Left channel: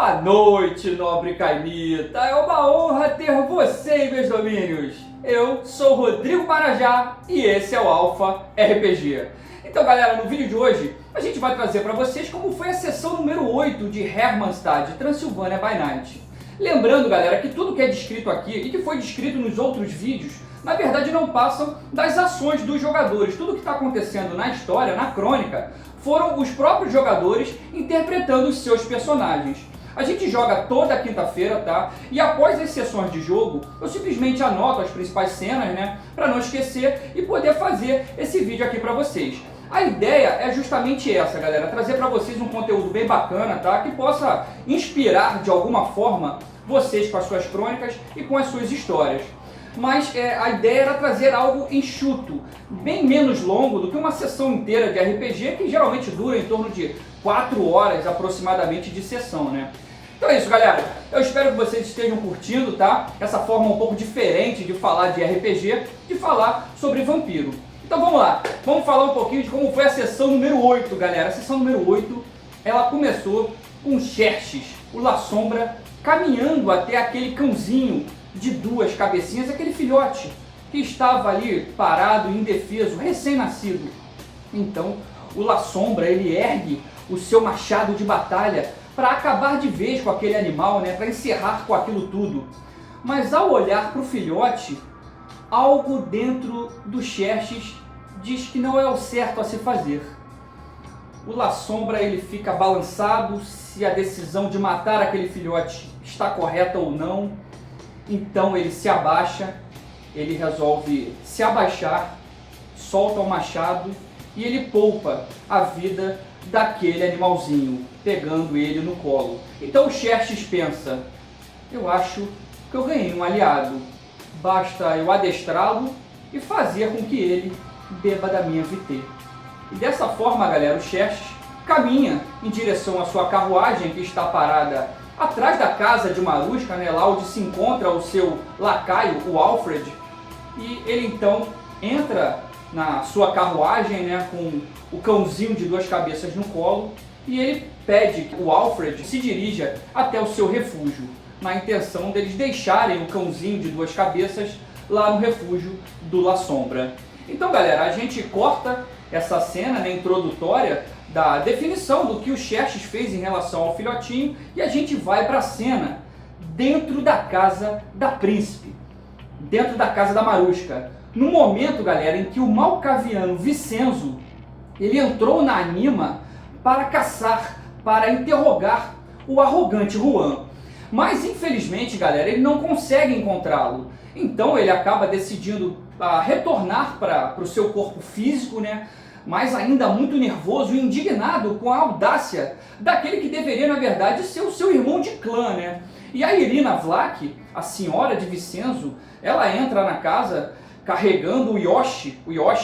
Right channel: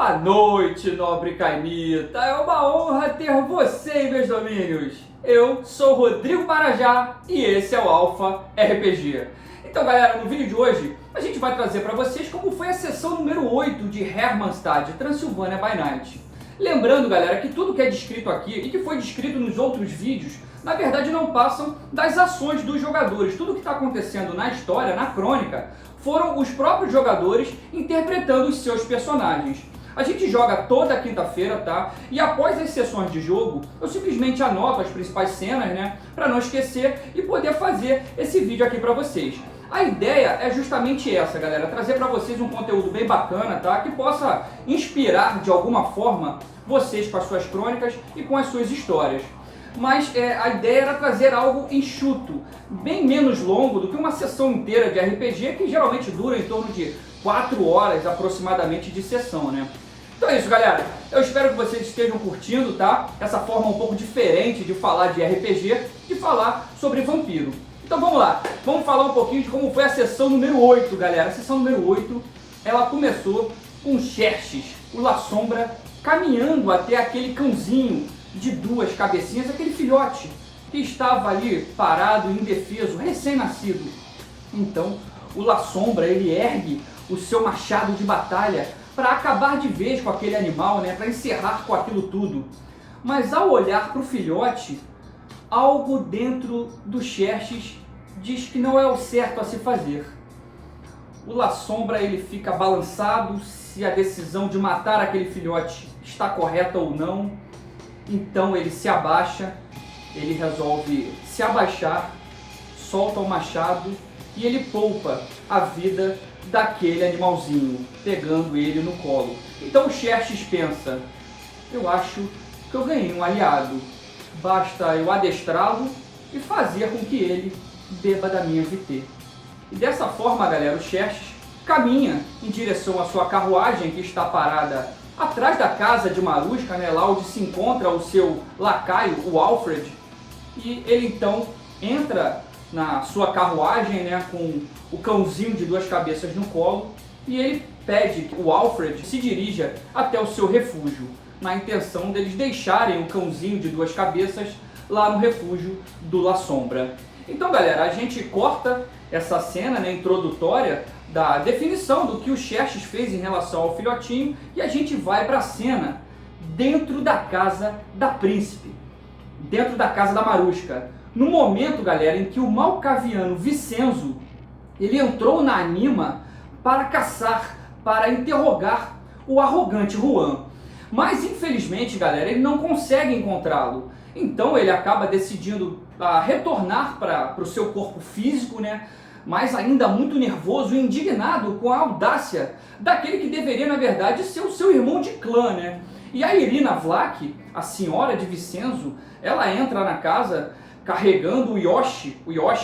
Boa noite, nobre Caimita. É uma honra ter você em meus domínios. Eu sou Rodrigo Marajá e esse é o Alpha RPG. Então, galera, no vídeo de hoje a gente vai trazer para vocês como foi a sessão número 8 de Hermannstad, Transylvania by Night. Lembrando, galera, que tudo que é descrito aqui e que foi descrito nos outros vídeos, na verdade não passam das ações dos jogadores. Tudo que está acontecendo na história, na crônica, foram os próprios jogadores interpretando os seus personagens. A gente joga toda quinta-feira, tá? E após as sessões de jogo, eu simplesmente anoto as principais cenas, né? Para não esquecer e poder fazer esse vídeo aqui para vocês. A ideia é justamente essa, galera, trazer para vocês um conteúdo bem bacana, tá? Que possa inspirar de alguma forma vocês com as suas crônicas e com as suas histórias. Mas a ideia era trazer algo enxuto, bem menos longo do que uma sessão inteira de RPG, que geralmente dura em torno de 4 horas aproximadamente de sessão, né? Então é isso, galera. Eu espero que vocês estejam curtindo, tá? Essa forma um pouco diferente de falar de RPG, de falar sobre vampiro. Então vamos lá, vamos falar um pouquinho de como foi a sessão número 8, galera. A sessão número 8, ela começou com Xerxes, o La Sombra, caminhando até aquele cãozinho de 2 cabecinhas, aquele filhote que estava ali parado, indefeso, recém-nascido. Então o La Sombra, ele ergue o seu machado de batalha para acabar de vez com aquele animal, né, para encerrar com aquilo tudo. Mas ao olhar para o filhote, algo dentro do Xerxes diz que não é o certo a se fazer. O La Sombra, ele fica balançado se a decisão de matar aquele filhote está correta ou não. Então ele se abaixa, ele resolve se abaixar, solta o machado e ele poupa a vida daquele animalzinho, pegando ele no colo. Então o Xerxes pensa, eu acho que eu ganhei um aliado, basta eu adestrá-lo e fazer com que ele beba da minha VT. E dessa forma, galera, o Xerxes caminha em direção à sua carruagem que está parada atrás da casa de Marusca, né, lá onde se encontra o seu lacaio, o Alfred, e ele então entra na sua carruagem, né, com o cãozinho de 2 cabeças no colo, e ele pede que o Alfred se dirija até o seu refúgio, na intenção deles deixarem o cãozinho de 2 cabeças lá no refúgio do La Sombra. Então, galera, a gente corta essa cena, né, introdutória da definição do que o Xerxes fez em relação ao filhotinho e a gente vai para a cena dentro da casa da príncipe, dentro da casa da Marusca. No momento, galera, em que o malcaviano Vicenzo, ele entrou na Anima para caçar, para interrogar o arrogante Juan. Mas, infelizmente, galera, ele não consegue encontrá-lo. Então ele acaba decidindo retornar para o seu corpo físico, né? Mas ainda muito nervoso e indignado com a audácia daquele que deveria, na verdade, ser o seu irmão de clã, né? E a Irina Vlach, a senhora de Vicenzo, ela entra na casa carregando o Yoshi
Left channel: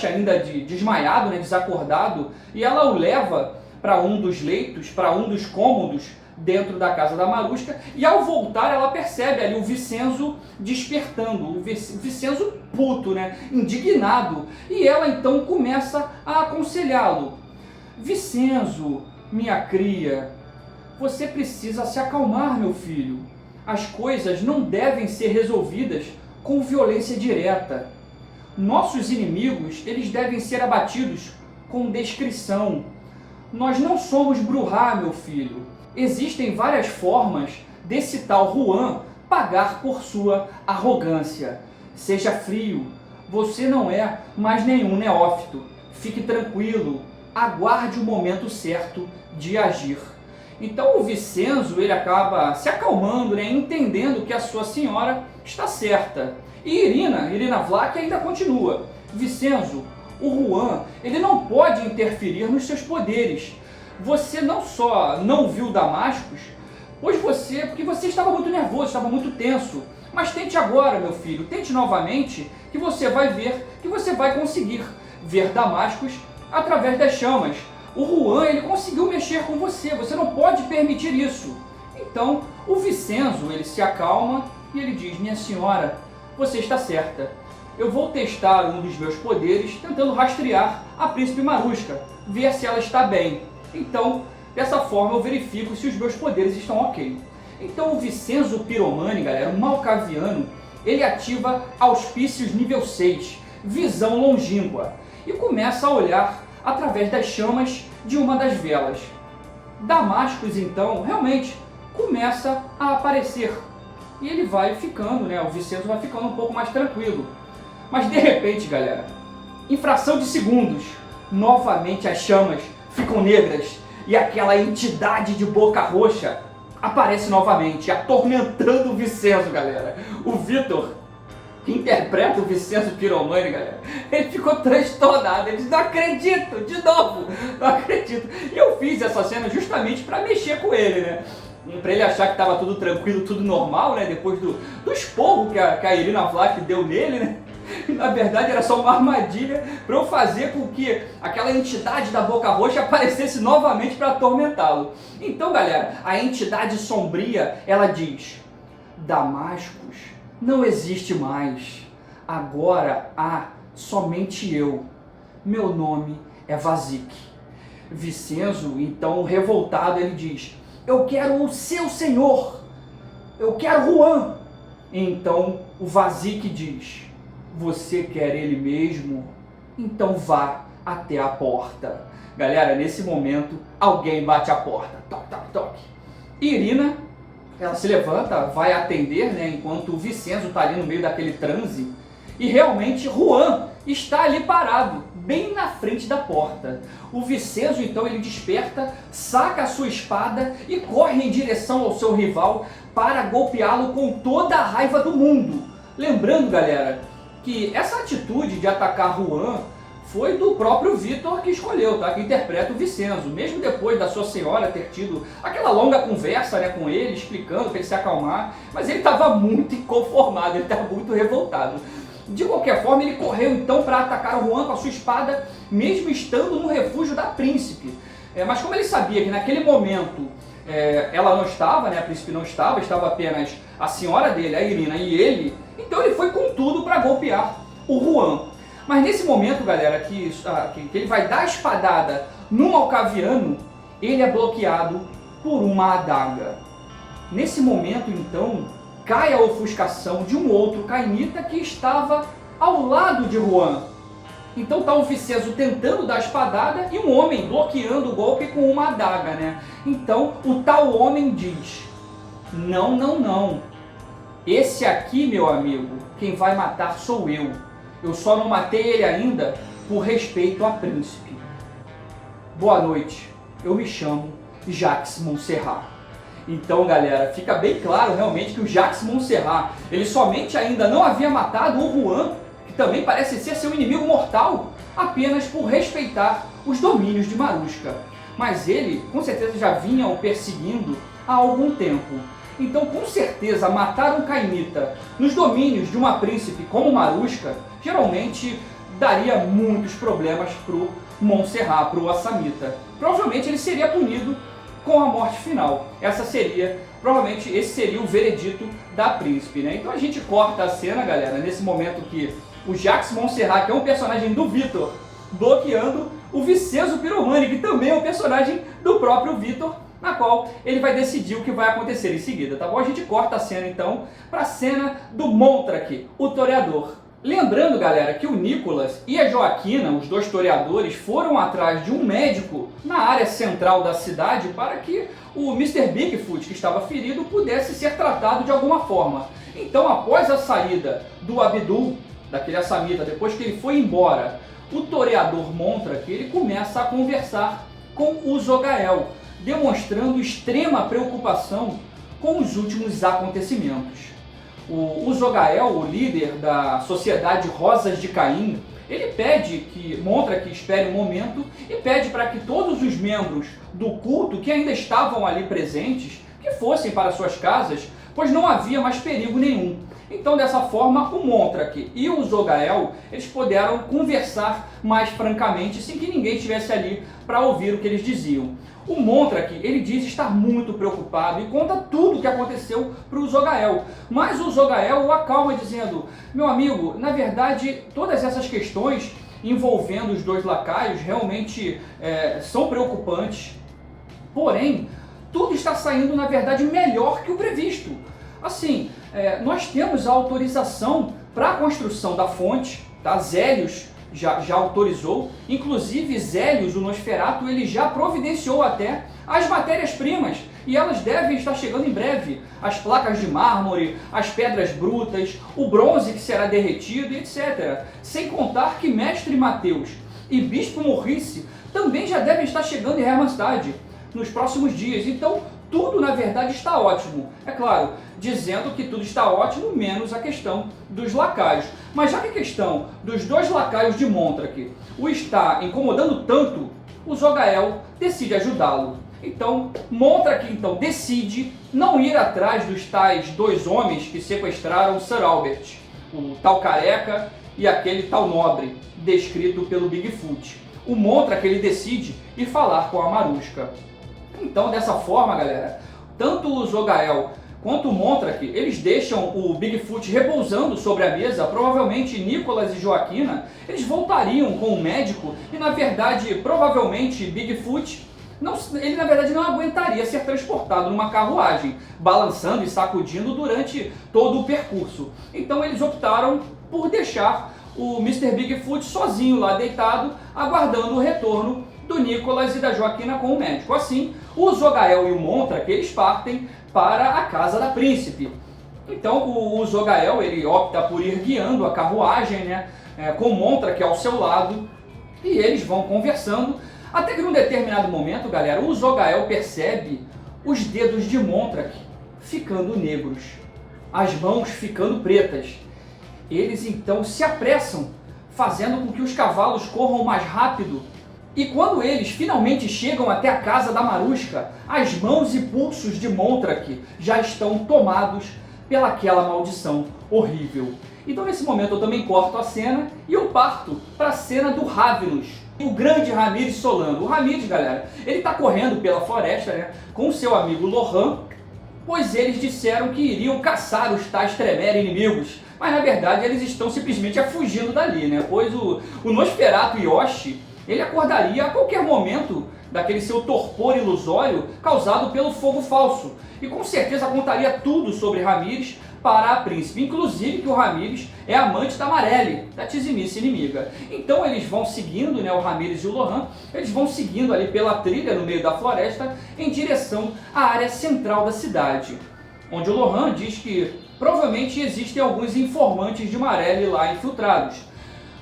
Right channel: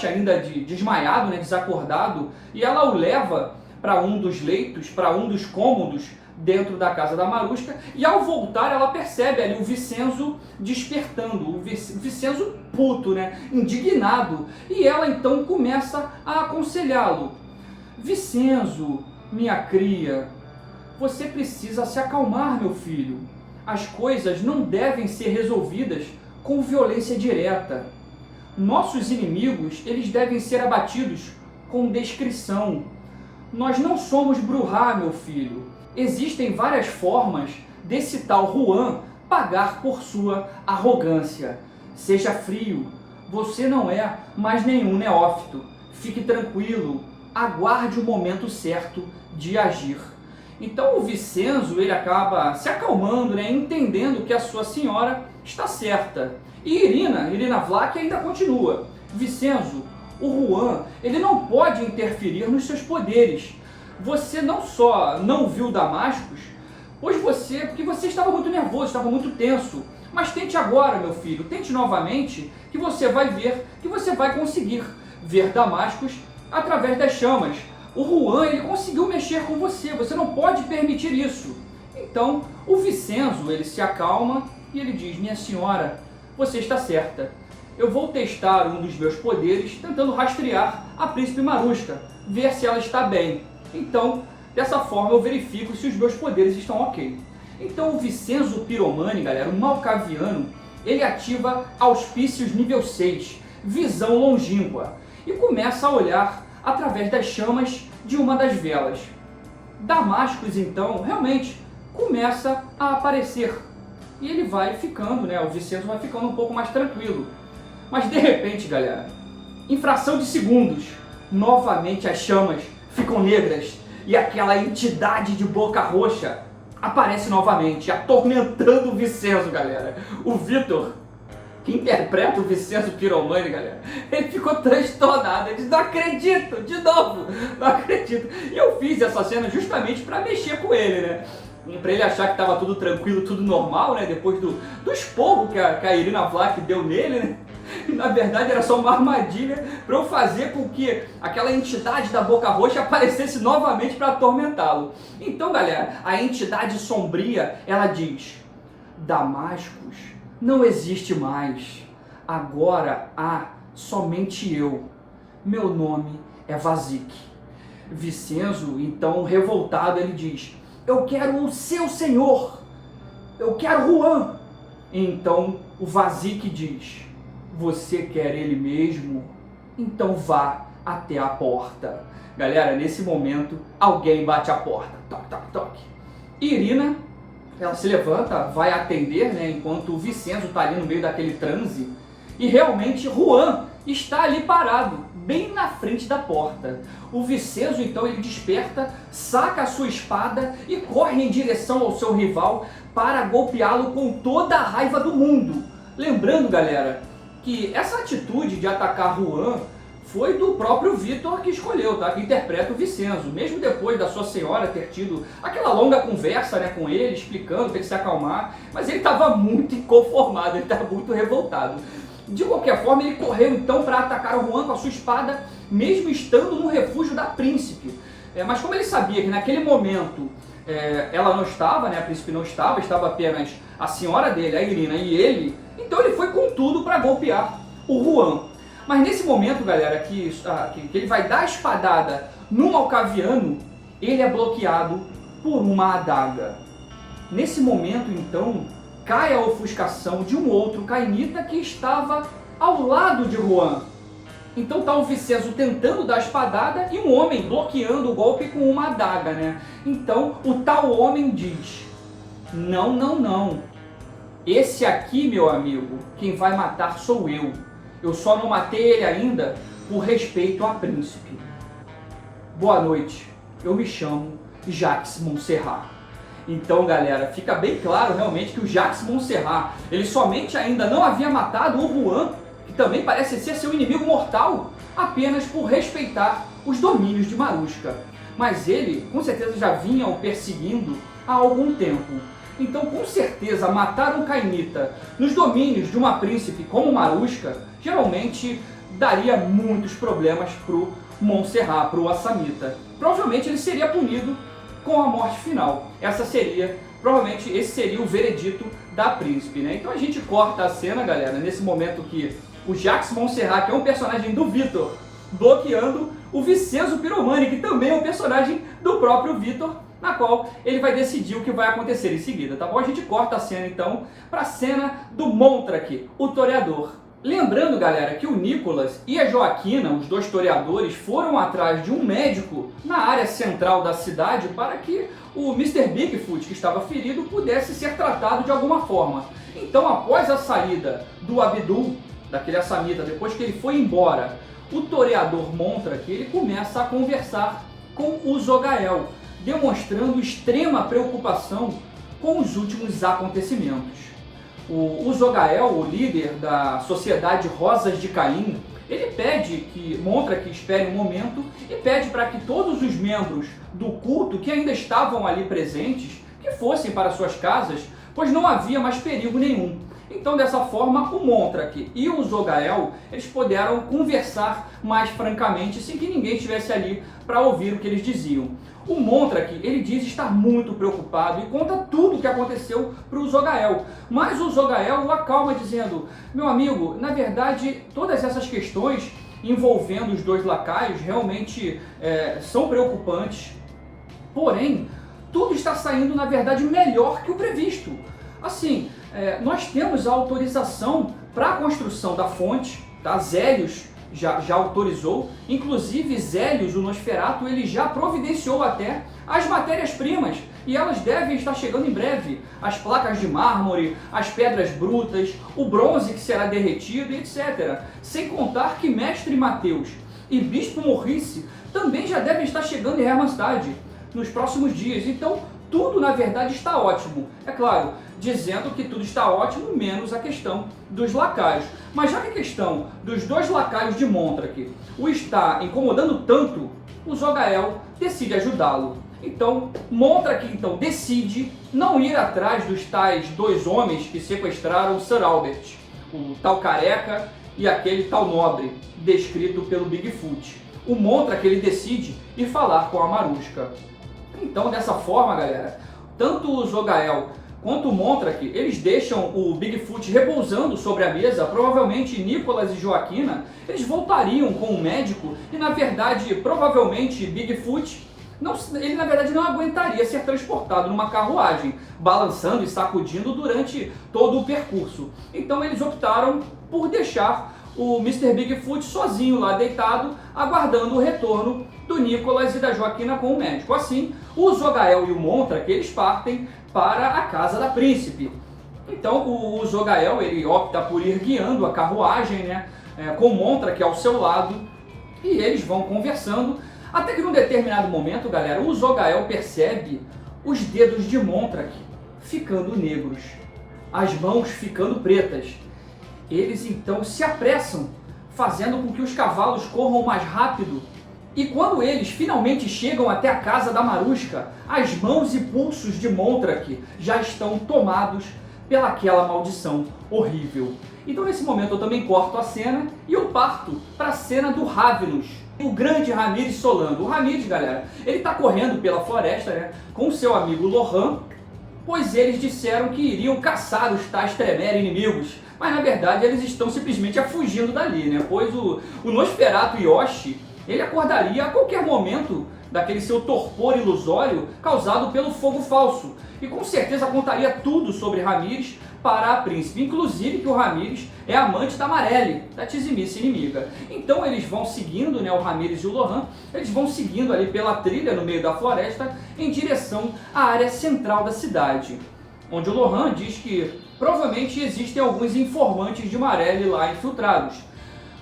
ainda desmaiado, né, desacordado, e ela o leva para um dos leitos, para um dos cômodos dentro da casa da Marusca, e ao voltar ela percebe ali o Vicenzo despertando, o Vicenzo puto, né, indignado, e ela então começa a aconselhá-lo. Vicenzo, minha cria, você precisa se acalmar, meu filho. As coisas não devem ser resolvidas com violência direta. Nossos inimigos, eles devem ser abatidos com descrição. Nós não somos Brujah, meu filho. Existem várias formas desse tal Juan pagar por sua arrogância. Seja frio, você não é mais nenhum neófito. Fique tranquilo, aguarde o momento certo de agir. Então o Vicenzo, ele acaba se acalmando, né, entendendo que a sua senhora está certa. E Irina Vlach ainda continua. Vicenzo, o Juan, ele não pode interferir nos seus poderes. Você não só não viu Damascus, porque você estava muito nervoso, estava muito tenso. Mas tente agora, meu filho, tente novamente, que você vai ver, que você vai conseguir ver Damascus através das chamas. O Juan, ele conseguiu mexer com você, você não pode permitir isso. Então, o Vicenzo, ele se acalma e ele diz, minha senhora, você está certa. Eu vou testar um dos meus poderes tentando rastrear a príncipe Marusca, ver se ela está bem. Então, dessa forma eu verifico se os meus poderes estão ok. Então o Vincenzo Piromani, galera, o Malkaviano, ele ativa auspícios nível 6, visão longínqua, e começa a olhar através das chamas de uma das velas. Damascus, então, realmente começa a aparecer. E ele vai ficando, né? O Vincenzo vai ficando um pouco mais tranquilo. Mas de repente, galera, em fração de segundos, novamente as chamas ficam negras e aquela entidade de boca roxa aparece novamente, atormentando o Vincenzo, galera. O Vitor, que interpreta o Vincenzo Piromani, galera, ele ficou transtornado. Ele disse: não acredito, de novo, não acredito. E eu fiz essa cena justamente para mexer com ele, né? Para ele achar que estava tudo tranquilo, tudo normal, né? Depois do esporro que a Irina Vlach deu nele, né? Na verdade era só uma armadilha para eu fazer com que aquela entidade da boca roxa aparecesse novamente para atormentá-lo. Então, galera, a entidade sombria, ela diz: Damascus não existe mais. Agora há somente eu. Meu nome é Vazik. Vincenzo, então revoltado, ele diz: eu quero o seu senhor. Eu quero Juan. Então o Vazik diz: você quer ele mesmo? Então vá até a porta. Galera, nesse momento, alguém bate a porta. Toque, toque, toque. Irina, ela se levanta, vai atender, né, enquanto o Vincenzo está ali no meio daquele transe. E realmente Juan está ali parado, bem na frente da porta. O Vincenzo, então, ele desperta, saca a sua espada e corre em direção ao seu rival para golpeá-lo com toda a raiva do mundo. Lembrando, galera, que essa atitude de atacar Juan foi do próprio Vitor que escolheu, tá? Que interpreta o Vincenzo. Mesmo depois da sua senhora ter tido aquela longa conversa, né, com ele, explicando para ele se acalmar, mas ele estava muito inconformado, ele estava muito revoltado. De qualquer forma, ele correu então para atacar o Juan com a sua espada, mesmo estando no refúgio da príncipe. Mas como ele sabia que naquele momento ela não estava, né, a príncipe não estava, estava apenas a senhora dele, a Irina, e ele, então ele foi com tudo para golpear o Juan. Mas nesse momento, galera, que ele vai dar a espadada no Malkaviano, ele é bloqueado por uma adaga. Nesse momento, então, cai a ofuscação de um outro cainita que estava ao lado de Juan. Então está o Vincenzo tentando dar a espadada e um homem bloqueando o golpe com uma adaga, né? Então o tal homem diz: não, não, não. Esse aqui, meu amigo, quem vai matar sou eu. Eu só não matei ele ainda por respeito a príncipe. Boa noite, eu me chamo Jacques Montserrat. Então, galera, fica bem claro realmente que o Jacques Montserrat, ele somente ainda não havia matado o Juan, que também parece ser seu inimigo mortal, apenas por respeitar os domínios de Marushka. Mas ele, com certeza, já vinha o perseguindo há algum tempo. Então, com certeza, matar um cainita nos domínios de uma príncipe como Marushka, geralmente daria muitos problemas pro Montserrat, pro Assamita. Provavelmente ele seria punido com a morte final. Provavelmente esse seria o veredito da príncipe, né? Então a gente corta a cena, galera, nesse momento que o Jacques Montserrat, que é um personagem do Vitor, bloqueando o Vincenzo Piromani, que também é um personagem do próprio Vitor, na qual ele vai decidir o que vai acontecer em seguida, tá bom? A gente corta a cena então para a cena do Montrak, o toreador. Lembrando, galera, que o Nicolas e a Joaquina, os dois toreadores, foram atrás de um médico na área central da cidade para que o Mr. Bigfoot, que estava ferido, pudesse ser tratado de alguma forma. Então, após a saída do Abdul, daquele assamita, depois que ele foi embora, o toreador Montrak, ele começa a conversar com o Zogael, demonstrando extrema preocupação com os últimos acontecimentos. O Zogael, o líder da Sociedade Rosas de Caim, ele pede que Montrak espere um momento e pede para que todos os membros do culto que ainda estavam ali presentes, que fossem para suas casas, pois não havia mais perigo nenhum. Então, dessa forma, o Montrak e o Zogael, eles puderam conversar mais francamente, sem que ninguém estivesse ali para ouvir o que eles diziam. O Montrak, ele diz estar muito preocupado e conta tudo o que aconteceu para o Zogael. Mas o Zogael o acalma dizendo: meu amigo, na verdade, todas essas questões envolvendo os dois lacaios realmente são preocupantes. Porém, tudo está saindo, na verdade, melhor que o previsto. Assim, nós temos a autorização para a construção da fonte, tá? Zélios já autorizou, inclusive Zélios, o Nosferatu, ele já providenciou até as matérias-primas, e elas devem estar chegando em breve. As placas de mármore, as pedras brutas, o bronze que será derretido, etc. Sem contar que Mestre Mateus e Bispo Morrice também já devem estar chegando em Hermannstad nos próximos dias. Então, tudo na verdade está ótimo. É claro, dizendo que tudo está ótimo, menos a questão dos lacaios. Mas já que a questão dos 2 lacaios de Montrak o está incomodando tanto, o Zogael decide ajudá-lo. Então, Montrak decide não ir atrás dos tais 2 homens que sequestraram Sir Albert, o tal careca e aquele tal nobre, descrito pelo Bigfoot. O Montrak ele decide ir falar com a Maruska. Então, dessa forma, galera, tanto o Zogael quanto o Montrak, eles deixam o Bigfoot repousando sobre a mesa. Provavelmente Nicholas e Joaquina, eles voltariam com o médico e, na verdade, provavelmente Bigfoot, ele na verdade não aguentaria ser transportado numa carruagem, balançando e sacudindo durante todo o percurso. Então eles optaram por deixar o Mr. Bigfoot sozinho lá deitado, aguardando o retorno do Nicholas e da Joaquina com o médico. Assim, o Zogael e o Montrak, eles partem para a casa da príncipe. Então o Zogael, ele opta por ir guiando a carruagem, né, com o Montrak ao seu lado, e eles vão conversando, até que num determinado momento, galera, o Zogael percebe os dedos de Montrak ficando negros, as mãos ficando pretas. Eles então se apressam, fazendo com que os cavalos corram mais rápido. E quando eles finalmente chegam até a casa da Maruska, as mãos e pulsos de Montrak já estão tomados pelaquela maldição horrível. Então nesse momento eu também corto a cena e eu parto para a cena do Ravenous, o grande Ramírez Solano. O Ramírez, galera, ele está correndo pela floresta, né, com o seu amigo Lohan, pois eles disseram que iriam caçar os tais Tremere inimigos, mas na verdade eles estão simplesmente fugindo dali, né, pois o Nosferatu Yoshi, ele acordaria a qualquer momento daquele seu torpor ilusório causado pelo fogo falso, e com certeza contaria tudo sobre Ramírez para a príncipe, inclusive que o Ramírez é amante da Marelle, da Tizimice inimiga. Então eles vão seguindo, né, o Ramírez e o Lohan, eles vão seguindo ali pela trilha no meio da floresta em direção à área central da cidade, onde o Lohan diz que provavelmente existem alguns informantes de Marelle lá infiltrados.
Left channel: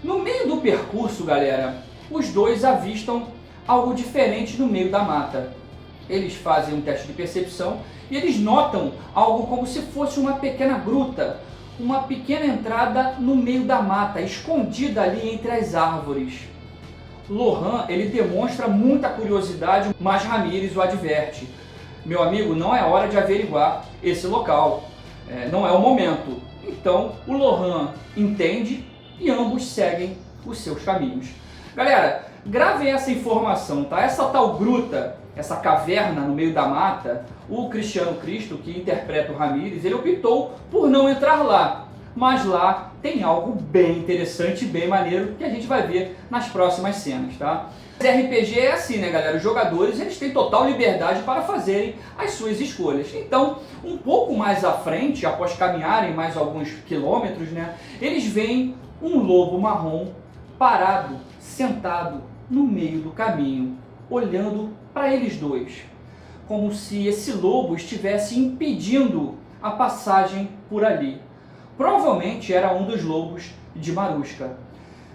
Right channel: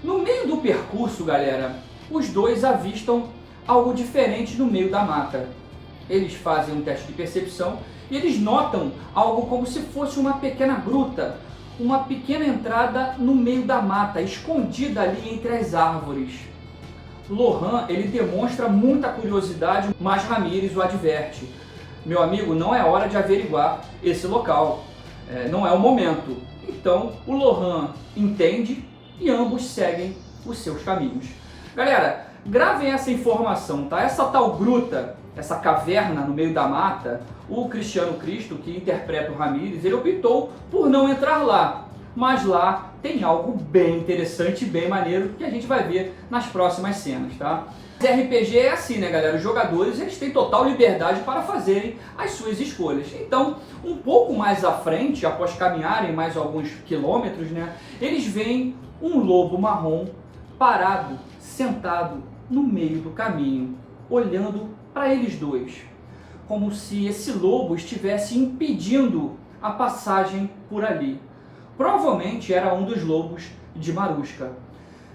No meio do percurso, galera, os dois avistam algo diferente no meio da mata. Eles fazem um teste de percepção e eles notam algo como se fosse uma pequena gruta, uma pequena entrada no meio da mata, escondida ali entre as árvores. Lohan, ele demonstra muita curiosidade, mas Ramírez o adverte: meu amigo, não é hora de averiguar esse local, não é o momento. Então o Lohan entende e ambos seguem os seus caminhos. Galera, gravem essa informação, tá? Essa tal gruta, essa caverna no meio da mata, o Cristiano Cristo, que interpreta o Ramírez, ele optou por não entrar lá. Mas lá tem algo bem interessante e bem maneiro que a gente vai ver nas próximas cenas, tá? RPG é assim, né, galera? Os jogadores, eles têm total liberdade para fazerem as suas escolhas. Então, um pouco mais à frente, após caminharem mais alguns quilômetros, né, eles veem um lobo marrom parado, sentado no meio do caminho, olhando para eles dois, como se esse lobo estivesse impedindo a passagem por ali. Provavelmente era um dos lobos de Maruska.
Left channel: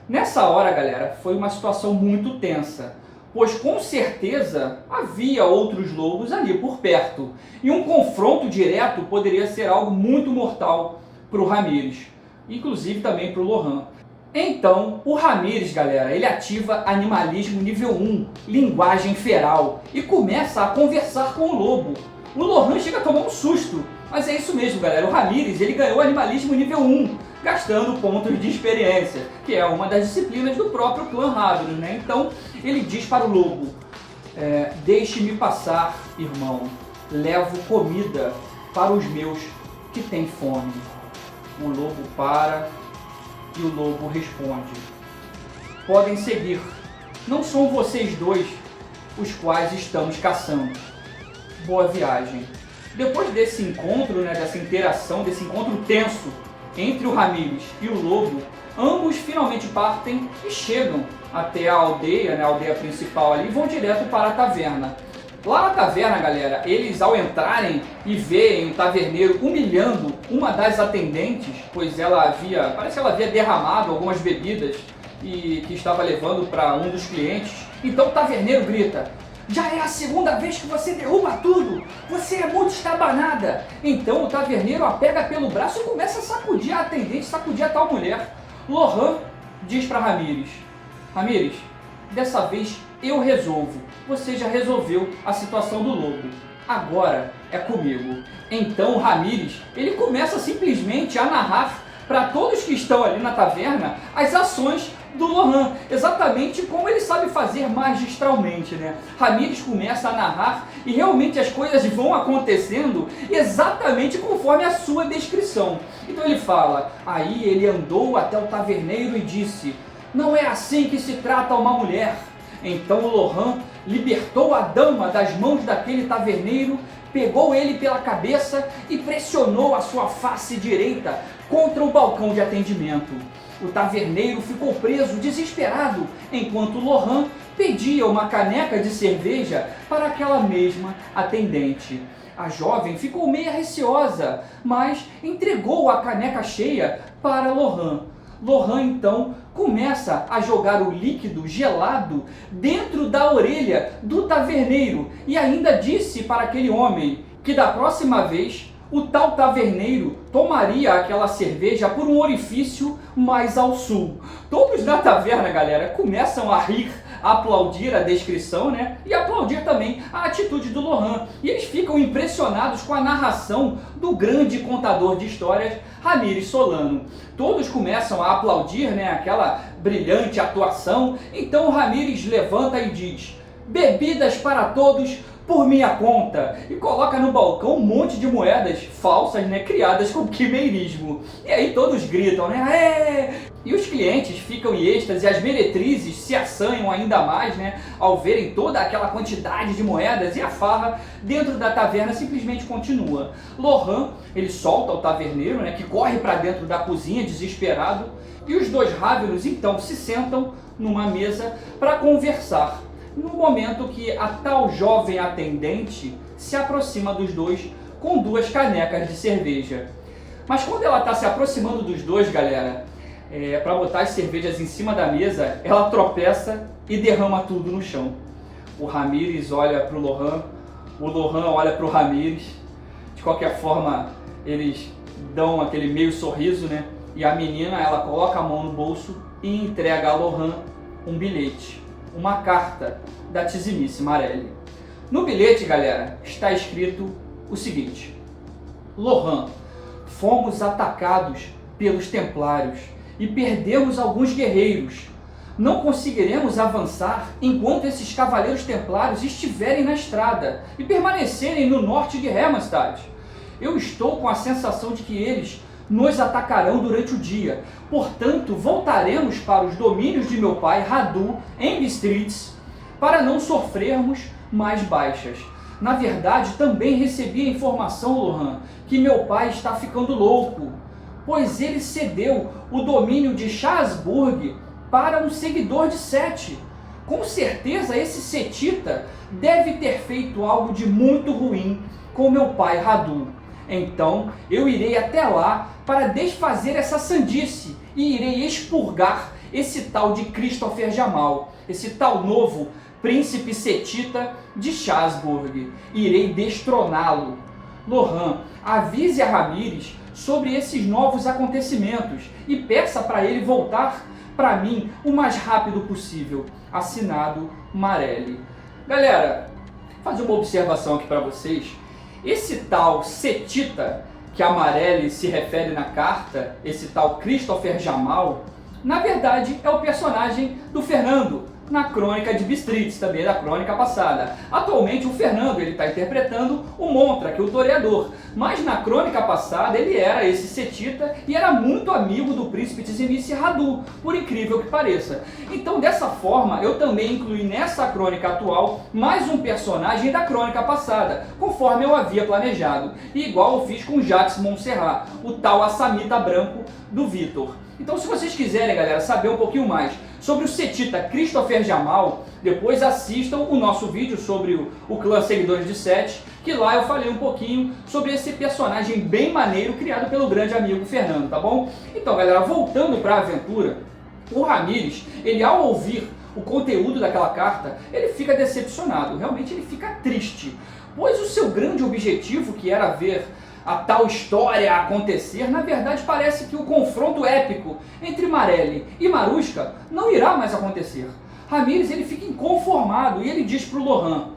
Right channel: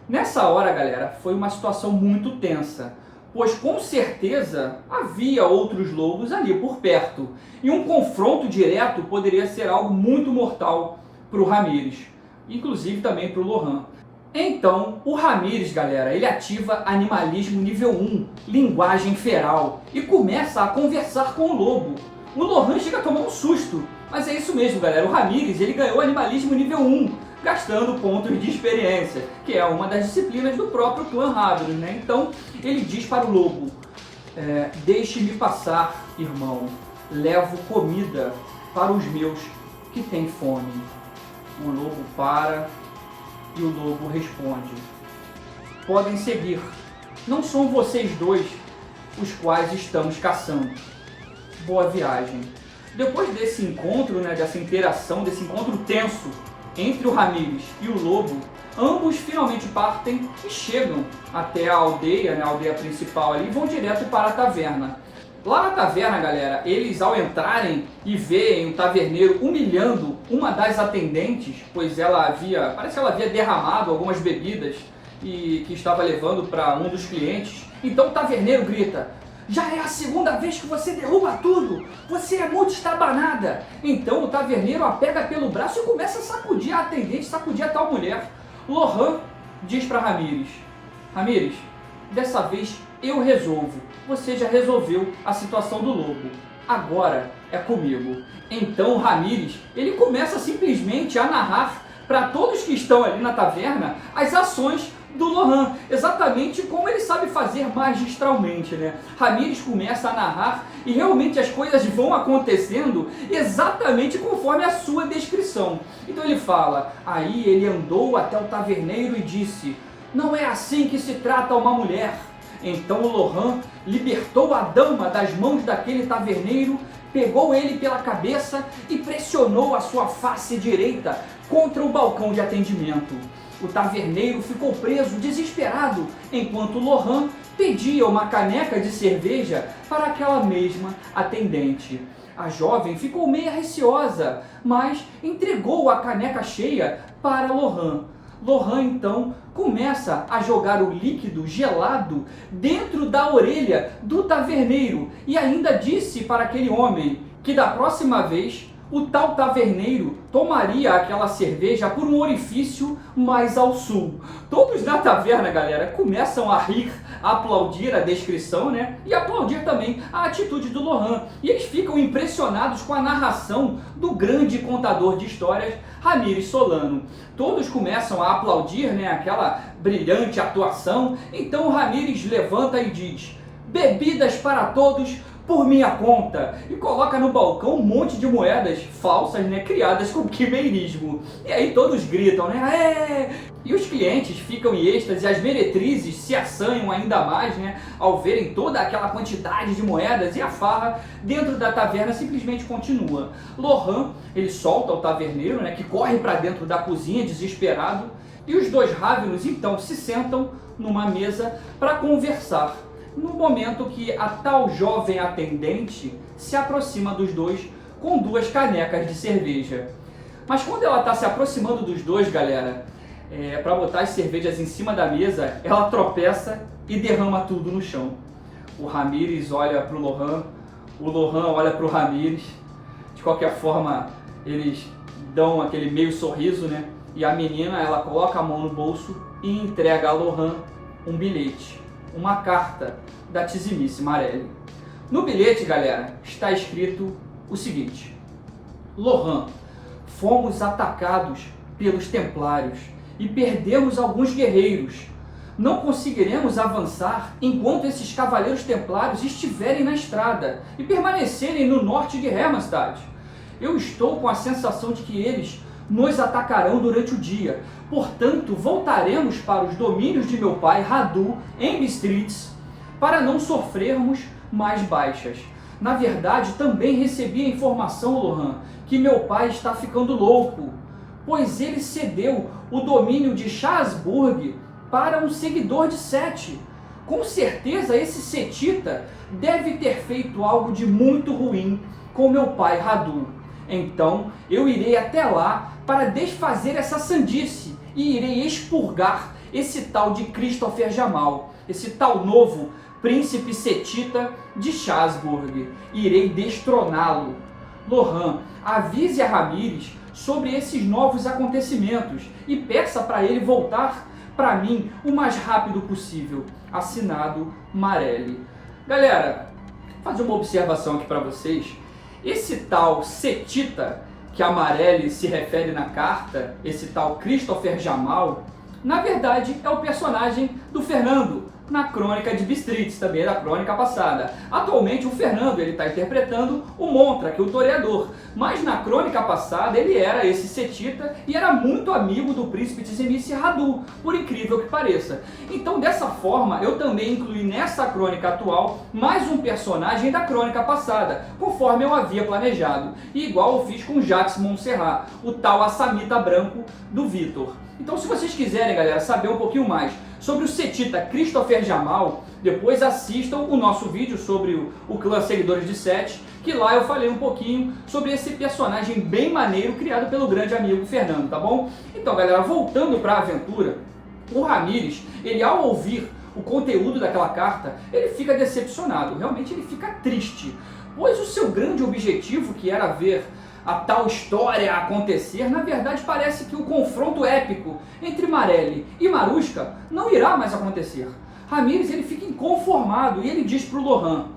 Nessa hora, galera, foi uma situação muito tensa, pois com certeza havia outros lobos ali por perto, e um confronto direto poderia ser algo muito mortal para o Ramírez, inclusive também para o Lohan. Então, o Ramírez, galera, ele ativa animalismo nível 1, linguagem feral, e começa a conversar com o lobo. O Lohan chega a tomar um susto, mas é isso mesmo, galera. O Ramírez, ele ganhou animalismo nível 1, gastando pontos de experiência, que é uma das disciplinas do próprio clã Ravenous, né? Então, ele diz para o lobo: deixe-me passar, irmão, levo comida para os meus que têm fome. O lobo para e o lobo responde: podem seguir, não são vocês dois os quais estamos caçando. boa viagem. Depois desse encontro, né, dessa interação, desse encontro tenso entre o Ramírez e o lobo, ambos finalmente partem e chegam até a aldeia, né, a aldeia principal ali, e vão direto para a taverna. Lá na taverna, galera, eles ao entrarem e veem o taverneiro humilhando uma das atendentes, pois parece que ela havia derramado algumas bebidas e que estava levando para um dos clientes. Então o taverneiro grita: já é a segunda vez que você derruba tudo, você é muito estabanada. Então o taverneiro a pega pelo braço e começa a sacudir a atendente, sacudir a tal mulher. Lohan diz para Ramírez: Ramírez, dessa vez eu resolvo, você já resolveu a situação do lobo, agora é comigo. Então o Ramírez, ele começa simplesmente a narrar para todos que estão ali na taverna as ações do Lohan, exatamente como ele sabe fazer magistralmente, né? Ramírez começa a narrar e realmente as coisas vão acontecendo exatamente conforme a sua descrição. Então ele fala: aí ele andou até o taverneiro e disse: não é assim que se trata uma mulher. Então o Lohan libertou a dama das mãos daquele taverneiro, pegou ele pela cabeça e pressionou a sua face direita contra o balcão de atendimento. O taverneiro ficou preso, desesperado, enquanto Lohan pedia uma caneca de cerveja para aquela mesma atendente. A jovem ficou meio receosa, mas entregou a caneca cheia para Lohan. Lohan então começa a jogar o líquido gelado dentro da orelha do taverneiro e ainda disse para aquele homem que da próxima vez o tal taverneiro tomaria aquela cerveja por um orifício mais ao sul. Todos na taverna, galera, começam a rir, a aplaudir a descrição, né? E aplaudir também a atitude do Lohan. E eles ficam impressionados com a narração do grande contador de histórias, Ramírez Solano. Todos começam a aplaudir, né, aquela brilhante atuação. Então o Ramírez levanta e diz: bebidas para todos por minha conta, e coloca no balcão um monte de moedas falsas, né, criadas com quimeirismo. E aí todos gritam, né, é! E os clientes ficam em êxtase, e as meretrizes se assanham ainda mais, né, ao verem toda aquela quantidade de moedas, e a farra dentro da taverna simplesmente continua. Lohan, ele solta o taverneiro, né, que corre para dentro da cozinha desesperado, e os dois Ravenos então se sentam numa mesa para conversar. No momento que a tal jovem atendente se aproxima dos dois com duas canecas de cerveja. Mas quando ela está se aproximando dos dois, galera, para botar as cervejas em cima da mesa, ela tropeça e derrama tudo no chão. O Ramírez olha para o Lohan olha para o Ramírez. De qualquer forma, eles dão aquele meio sorriso, né? E a menina, ela coloca a mão no bolso e entrega a Lohan um bilhete, uma carta da Tizimice Marelli. No bilhete, galera, está escrito o seguinte: Lohan, fomos atacados pelos templários e perdemos alguns guerreiros. Não conseguiremos avançar enquanto esses cavaleiros templários estiverem na estrada e permanecerem no norte de Hermannstadt. Eu estou com a sensação de que eles nos atacarão durante o dia. Portanto, voltaremos para os domínios de meu pai, Radu, em Bistritz, para não sofrermos mais baixas. Na verdade, também recebi a informação, Lohan, que meu pai está ficando louco, pois ele cedeu o domínio de Schasburg para um seguidor de Sete. Com certeza esse setita deve ter feito algo de muito ruim com meu pai Radu. Então eu irei até lá para desfazer essa sandice e irei expurgar esse tal de Christopher Jamal, esse tal novo príncipe setita de Schasburg. Irei destroná-lo. Lohan, avise a Ramírez sobre esses novos acontecimentos e peça para ele voltar para mim o mais rápido possível. Assinado, Marelli. Galera, vou fazer uma observação aqui para vocês. Esse tal setita que a Marelli se refere na carta, esse tal Christopher Jamal, na verdade é o personagem do Fernando, na Crônica de Bistritz, também da crônica passada. Atualmente o Fernando está interpretando o Montrak, o toreador, mas na crônica passada ele era esse setita e era muito amigo do príncipe Tzimisi Radu, por incrível que pareça. Então dessa forma eu também incluí nessa crônica atual mais um personagem da crônica passada, conforme eu havia planejado, e igual eu fiz com Jacques Montserrat, o tal assamita branco do Vitor. Então se vocês quiserem, galera, saber um pouquinho mais sobre o setita Christopher Jamal, depois assistam o nosso vídeo sobre o clã Seguidores de Sete, que lá eu falei um pouquinho sobre esse personagem bem maneiro criado pelo grande amigo Fernando, tá bom? Então, galera, voltando para a aventura, o Ramírez, ele ao ouvir o conteúdo daquela carta, ele fica decepcionado, realmente ele fica triste, pois o seu grande objetivo, que era ver a tal história acontecer, na verdade parece que o confronto épico entre Marelli e Marushka não irá mais acontecer. Ramírez ele fica inconformado e ele diz para o Lohan:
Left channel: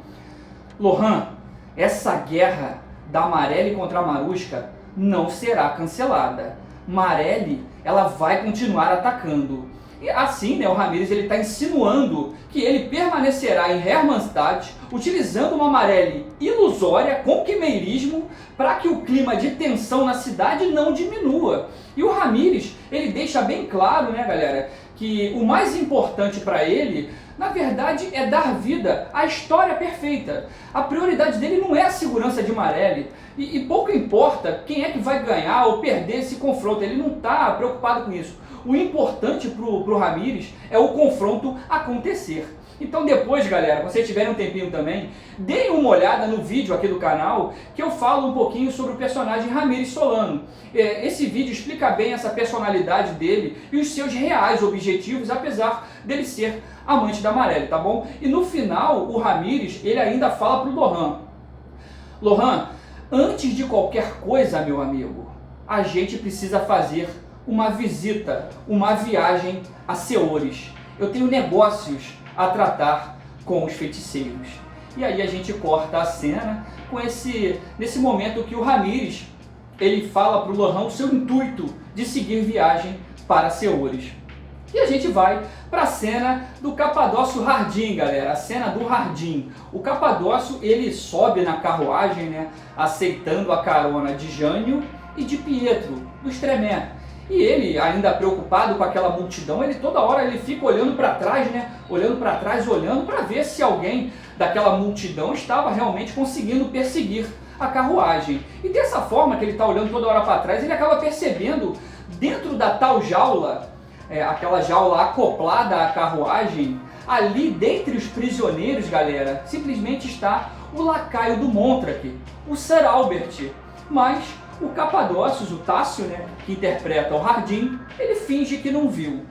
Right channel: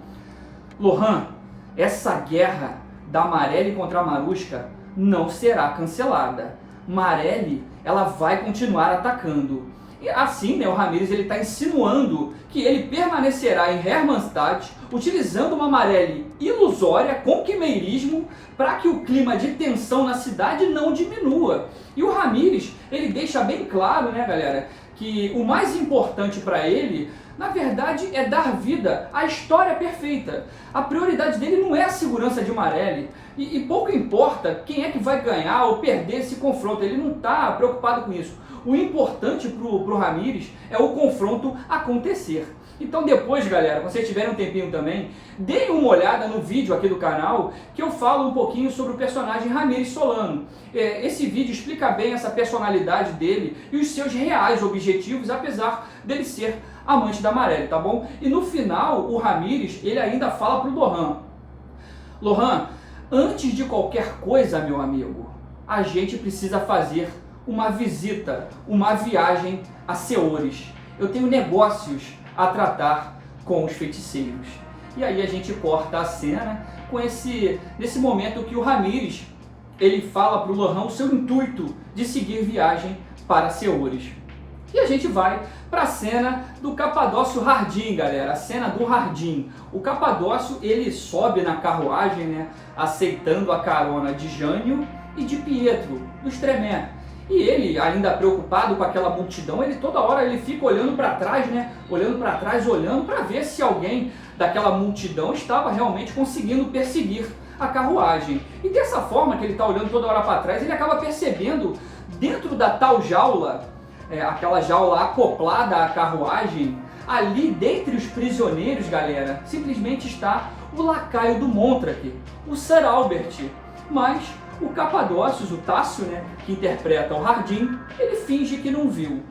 Lohan, essa guerra da Marelli contra a Marushka não será cancelada. Marelli ela vai continuar atacando. E assim, né, o Ramírez está insinuando que ele permanecerá em Hermannstadt utilizando uma Marelli ilusória com quimeirismo para que o clima de tensão na cidade não diminua. E o Ramírez, ele deixa bem claro, né, galera, que o mais importante para ele, na verdade, é dar vida à história perfeita. A prioridade dele não é a segurança de Marelli. E pouco importa quem é que vai ganhar ou perder esse confronto. Ele não está preocupado com isso. O importante para o Ramírez é o confronto acontecer. Então depois, galera, quando vocês tiverem um tempinho também, deem uma olhada no vídeo aqui do canal, que eu falo um pouquinho sobre o personagem Ramírez Solano. Esse vídeo explica bem essa personalidade dele e os seus reais objetivos, apesar dele ser amante da Marelli, tá bom? E no final, o Ramírez, ele ainda fala para o Lohan: Lohan, antes de qualquer coisa, meu amigo, a gente precisa fazer uma visita, uma viagem a Seores. Eu tenho negócios a tratar com os feiticeiros. E aí a gente corta a cena com nesse momento que o Ramírez ele fala para o Lohan o seu intuito de seguir viagem para Seores. E a gente vai para a cena do Capadócio Hardin, galera, a cena do Hardin. O Capadócio ele sobe na carruagem, né, aceitando a carona de Jânio e de Pietro, dos Tremé. E ele, ainda preocupado com aquela multidão, ele toda hora ele fica olhando para trás, né? Olhando para trás, olhando para ver se alguém daquela multidão estava realmente conseguindo perseguir a carruagem. E dessa forma que ele está olhando toda hora para trás, ele acaba percebendo dentro da tal jaula, aquela jaula acoplada à carruagem, ali dentre os prisioneiros, galera, simplesmente está o lacaio do Montrak, o Sir Albert. Mas o Capadócio, o Tássio, né, que interpreta o Hardin, ele finge que não viu.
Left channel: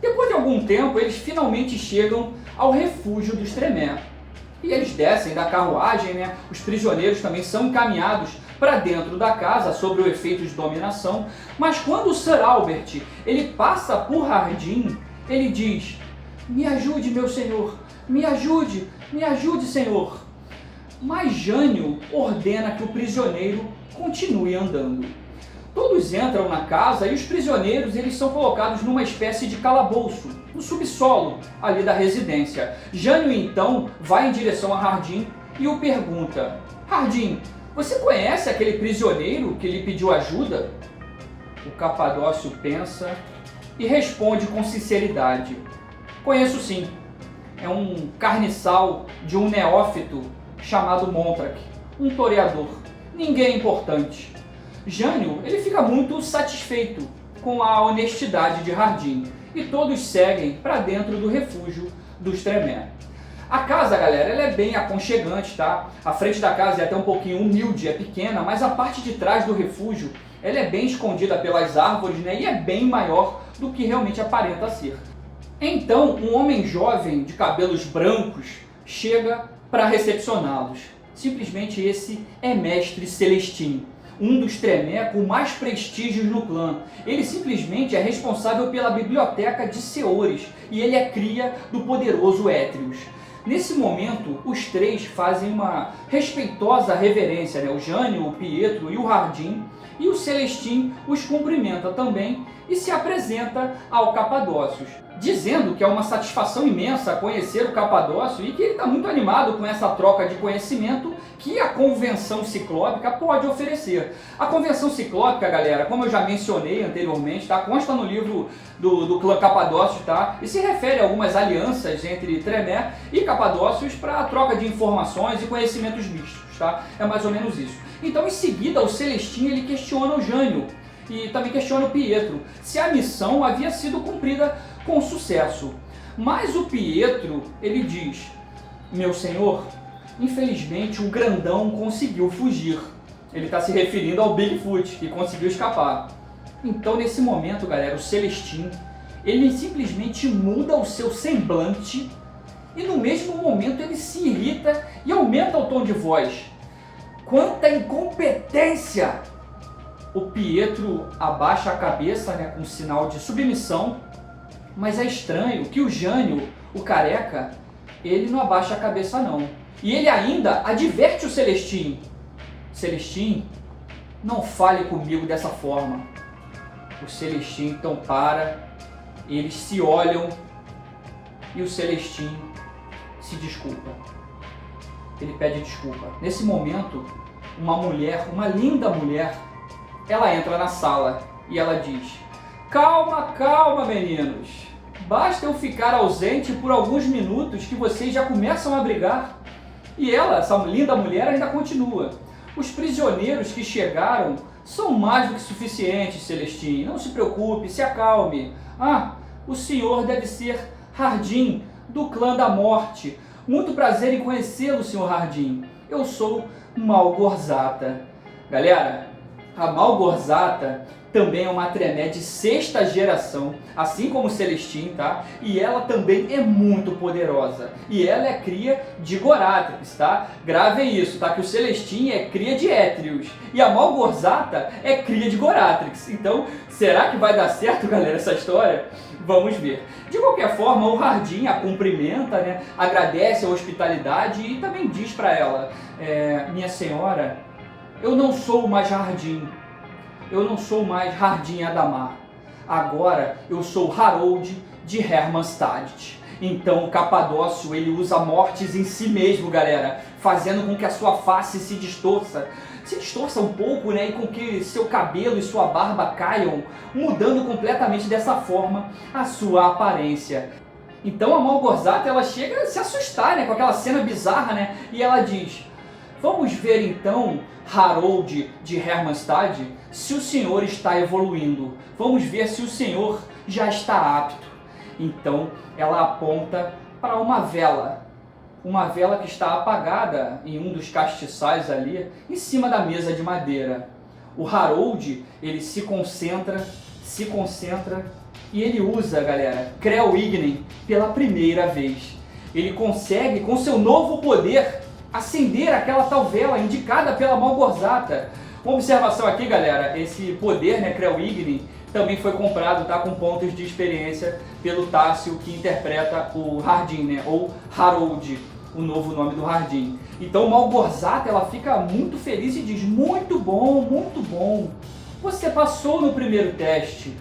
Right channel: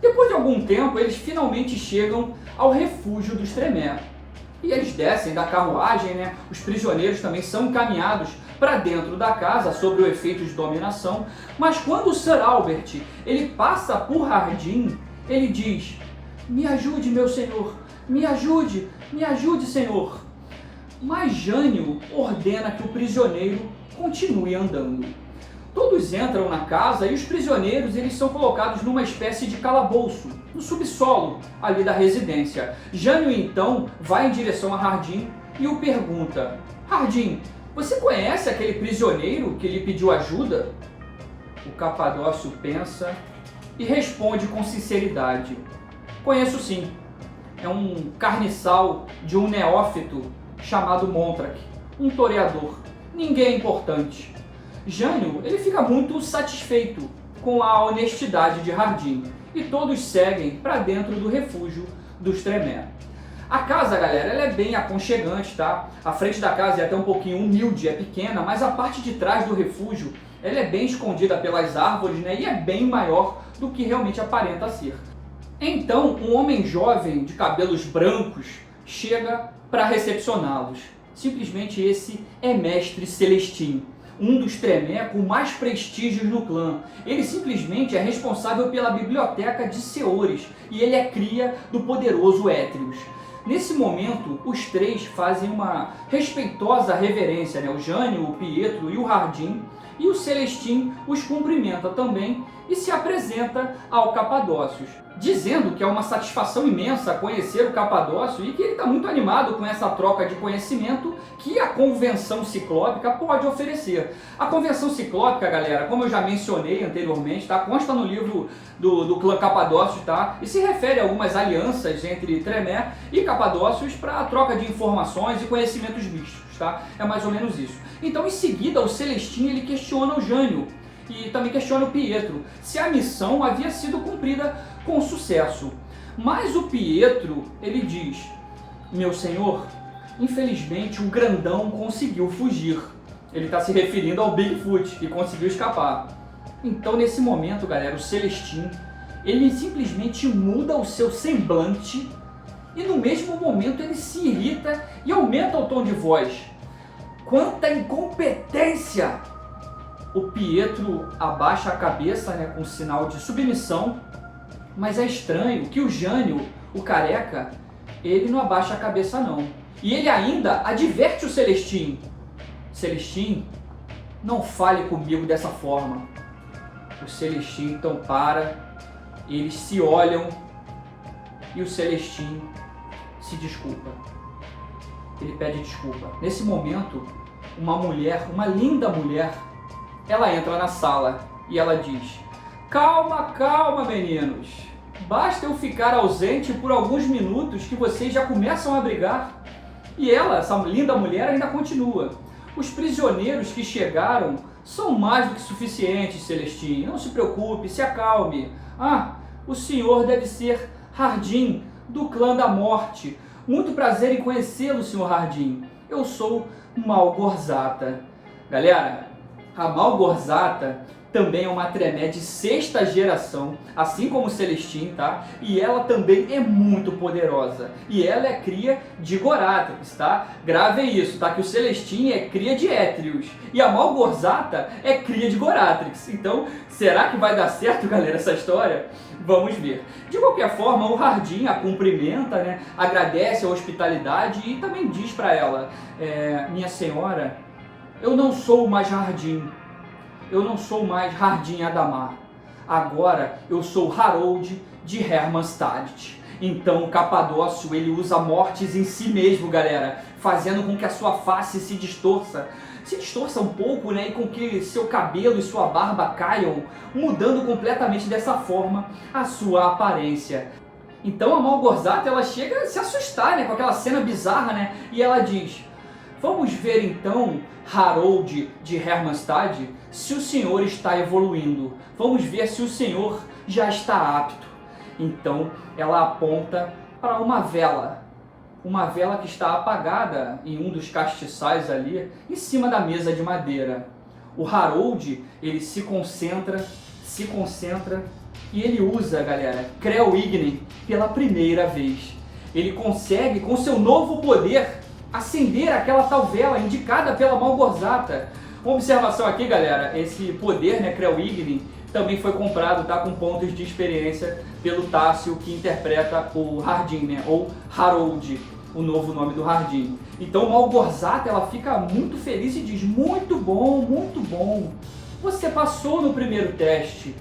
Depois de algum tempo, eles finalmente chegam ao refúgio dos Tremé. E eles descem da carruagem, né? Os prisioneiros também são encaminhados para dentro da casa sob o efeito de dominação. Mas quando o Sir Albert ele passa por Hardin, ele diz: me ajude, meu senhor, me ajude, senhor. Mas Jânio ordena que o prisioneiro continue andando. Todos entram na casa e os prisioneiros eles são colocados numa espécie de calabouço, no subsolo ali da residência. Jânio então vai em direção a Hardin e o pergunta: Hardin, você conhece aquele prisioneiro que lhe pediu ajuda? O Capadócio pensa e responde com sinceridade: conheço sim, é um carniçal de um neófito chamado Montrak, um toreador, ninguém importante. Jânio ele fica muito satisfeito com a honestidade de Hardin e todos seguem para dentro do refúgio dos Tremé. A casa, galera, ela é bem aconchegante, tá? A frente da casa é até um pouquinho humilde, é pequena, mas a parte de trás do refúgio ela é bem escondida pelas árvores, né? E é bem maior do que realmente aparenta ser. Então, um homem jovem de cabelos brancos chega para recepcioná-los. Simplesmente esse é Mestre Celestin, um dos Tremé com mais prestígios no clã. Ele simplesmente é responsável pela biblioteca de Seores e ele é cria do poderoso Étrios. Nesse momento, os três fazem uma respeitosa reverência, né? O Jânio, o Pietro e o Hardin, e o Celestin os cumprimenta também e se apresenta ao Capadócios. dizendo que é uma satisfação imensa conhecer o Capadócio e que ele está muito animado com essa troca de conhecimento que a Convenção Ciclópica pode oferecer. A Convenção Ciclópica, galera, como eu já mencionei anteriormente, tá? Consta no livro do clã Capadócio, tá? E se refere a algumas alianças entre Tremé e Capadócios para a troca de informações e conhecimentos místicos, tá? É mais ou menos isso. Então, em seguida, o Celestino ele questiona o Jânio e também questiona o Pietro se a missão havia sido cumprida com sucesso. Mas o Pietro, ele diz: meu senhor, infelizmente o grandão conseguiu fugir. Ele está se referindo ao Bigfoot, que conseguiu escapar. Então, nesse momento, galera, o Celestino, ele simplesmente muda o seu semblante e no mesmo momento ele se irrita e aumenta o tom de voz. Quanta incompetência! O Pietro abaixa a cabeça, né, com sinal de submissão, mas é estranho que o Jânio, o careca, ele não abaixa a cabeça não. E ele ainda adverte o Celestino: Celestino, não fale comigo dessa forma. O Celestino então para, eles se olham e o Celestino se desculpa. Ele pede desculpa. Nesse momento, uma mulher, uma linda mulher, ela entra na sala e ela diz: calma, calma, meninos. Basta eu ficar ausente por alguns minutos que vocês já começam a brigar. E ela, essa linda mulher, ainda continua: os prisioneiros que chegaram são mais do que suficientes, Celestino. Não se preocupe, se acalme. Ah, o senhor deve ser Hardin, do clã da morte. Muito prazer em conhecê-lo, senhor Hardin. Eu sou Malgorzata. Galera, a Malgorzata também é uma Tremé de 6ª geração, assim como o Celestino, tá? E ela também é muito poderosa. E ela é cria de Goratrix, tá? Gravem isso, tá? Que o Celestino é cria de Étrios e a Malgorzata é cria de Goratrix. Então, será que vai dar certo, galera, essa história? Vamos ver. De qualquer forma, o Hardin a cumprimenta, né? Agradece a hospitalidade e também diz para ela: minha senhora, eu não sou mais Hardin. Eu não sou mais Hardin Adamar. Agora eu sou Harold de Hermannstadt. Então o Capadócio, ele usa mortes em si mesmo, galera, fazendo com que a sua face se distorça um pouco, né, e com que seu cabelo e sua barba caiam, mudando completamente dessa forma a sua aparência. Então a Malgorzata, ela chega a se assustar, né, com aquela cena bizarra, né, e ela diz: vamos ver então, Harold de Hermannstadt, se o senhor está evoluindo. Vamos ver se o senhor já está apto. Então ela aponta para uma vela que está apagada em um dos castiçais ali, em cima da mesa de madeira. O Harold, ele se concentra e ele usa, galera, Creu Ignem pela primeira vez. Ele consegue, com seu novo poder, acender aquela tal vela indicada pela Malgorzata. Uma observação aqui, galera: esse poder, né, Creu Ignem, também foi comprado, tá, com pontos de experiência pelo Tássio, que interpreta o Hardin, né, ou Harold, o novo nome do Hardin. Então Malgorzata, ela fica muito feliz e diz: muito bom, você passou no primeiro teste.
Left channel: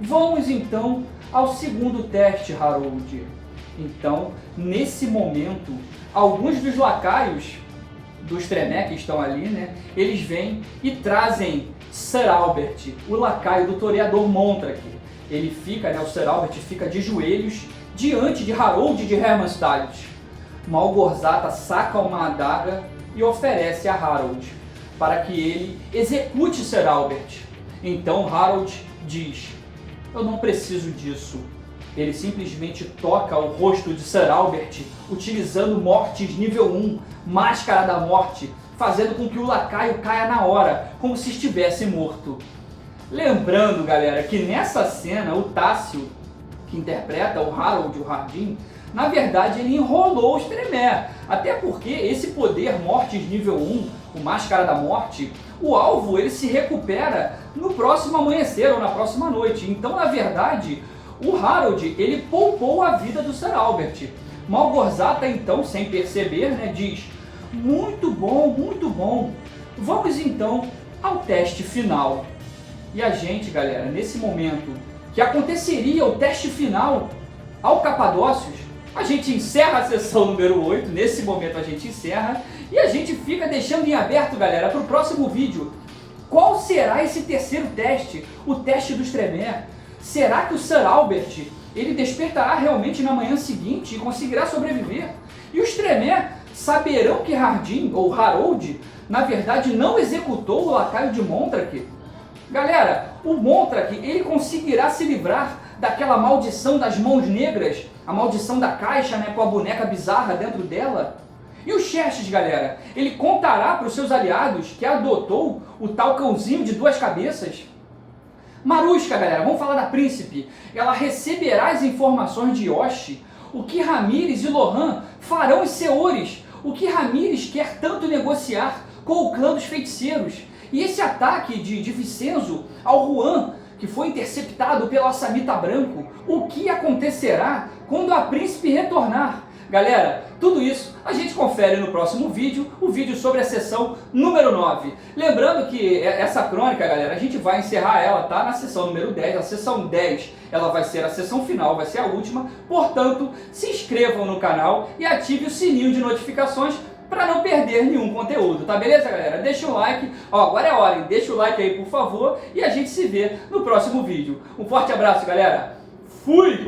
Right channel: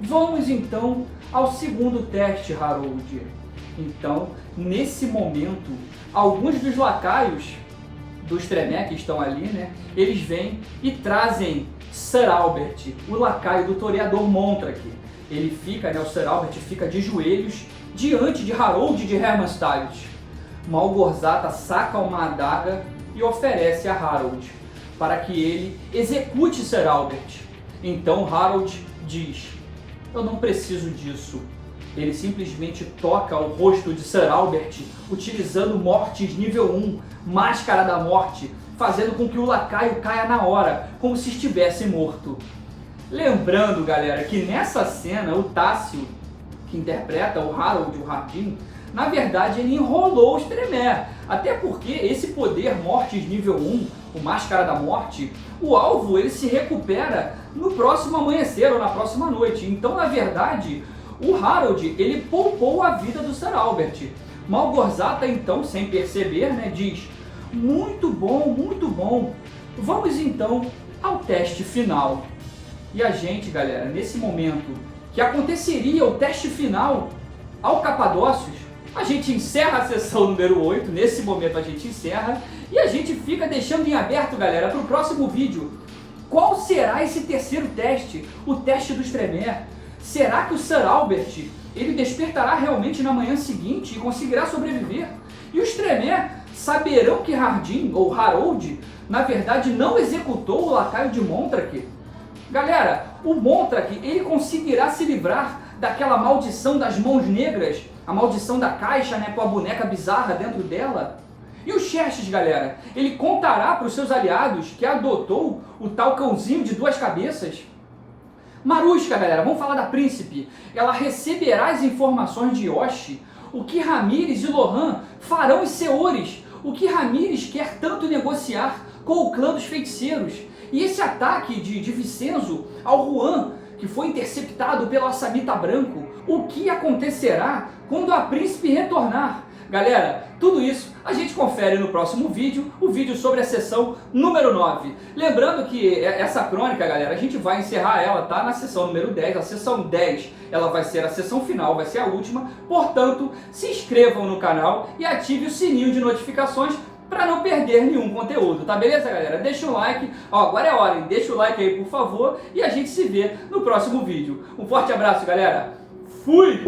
Vamos então ao segundo teste, Harold. Então, nesse momento, alguns dos lacaios dos Tremé que estão ali, né, eles vêm e trazem Sir Albert, o lacaio do toreador Montrak. Ele fica, né, o Sir Albert fica de joelhos diante de Harold de Hermannstadt. Malgorzata saca uma adaga e oferece a Harold para que ele execute Sir Albert. Então Harold diz: eu não preciso disso. Ele simplesmente toca o rosto de Sir Albert utilizando mortes nível 1, máscara da morte, fazendo com que o lacaio caia na hora, como se estivesse morto. Lembrando, galera, que nessa cena o Tássio, que interpreta o Harold, o Hardin, na verdade ele enrolou os Tremé. Até porque esse poder mortes nível 1, o máscara da morte, o alvo ele se recupera no próximo amanhecer ou na próxima noite. Então, na verdade, o Harold, ele poupou a vida do Sir Albert. Malgorzata, então, sem perceber, né, diz: muito bom. Vamos então ao teste final. E a gente, galera, nesse momento que aconteceria o teste final, ao Capadócios, a gente encerra a sessão número 8, nesse momento a gente encerra, e a gente fica deixando em aberto, galera, para o próximo vídeo. Qual será esse terceiro teste, o teste dos Tremere? Será que o Sir Albert, ele despertará realmente na manhã seguinte e conseguirá sobreviver? E os Tremere saberão que Hardin, ou Harold, na verdade não executou o lacaio de Montrak? Galera, o Montrak, ele conseguirá se livrar daquela maldição das mãos negras, a maldição da caixa, né, com a boneca bizarra dentro dela? E o Xerxes, galera, ele contará para os seus aliados que adotou o tal cãozinho de 2 cabeças? Marusca, galera, vamos falar da príncipe. Ela receberá as informações de Yoshi. O que Ramírez e Lohan farão os Seores? O que Ramírez quer tanto negociar com o clã dos feiticeiros? E esse ataque de Vicenzo ao Juan, que foi interceptado pelo Assamita Branco, o que acontecerá quando a príncipe retornar? Galera, tudo isso a gente confere no próximo vídeo, o vídeo sobre a sessão número 9. Lembrando que essa crônica, galera, a gente vai encerrar ela, tá? Na sessão número 10, a sessão 10, ela vai ser a sessão final, vai ser a última. Portanto, se inscrevam no canal e ative o sininho de notificações para não perder nenhum conteúdo, tá beleza, galera? Deixa um like, ó, agora é hora, hein? Deixa o like aí, por favor, e a gente se vê no próximo vídeo. Um forte abraço, galera. Fui!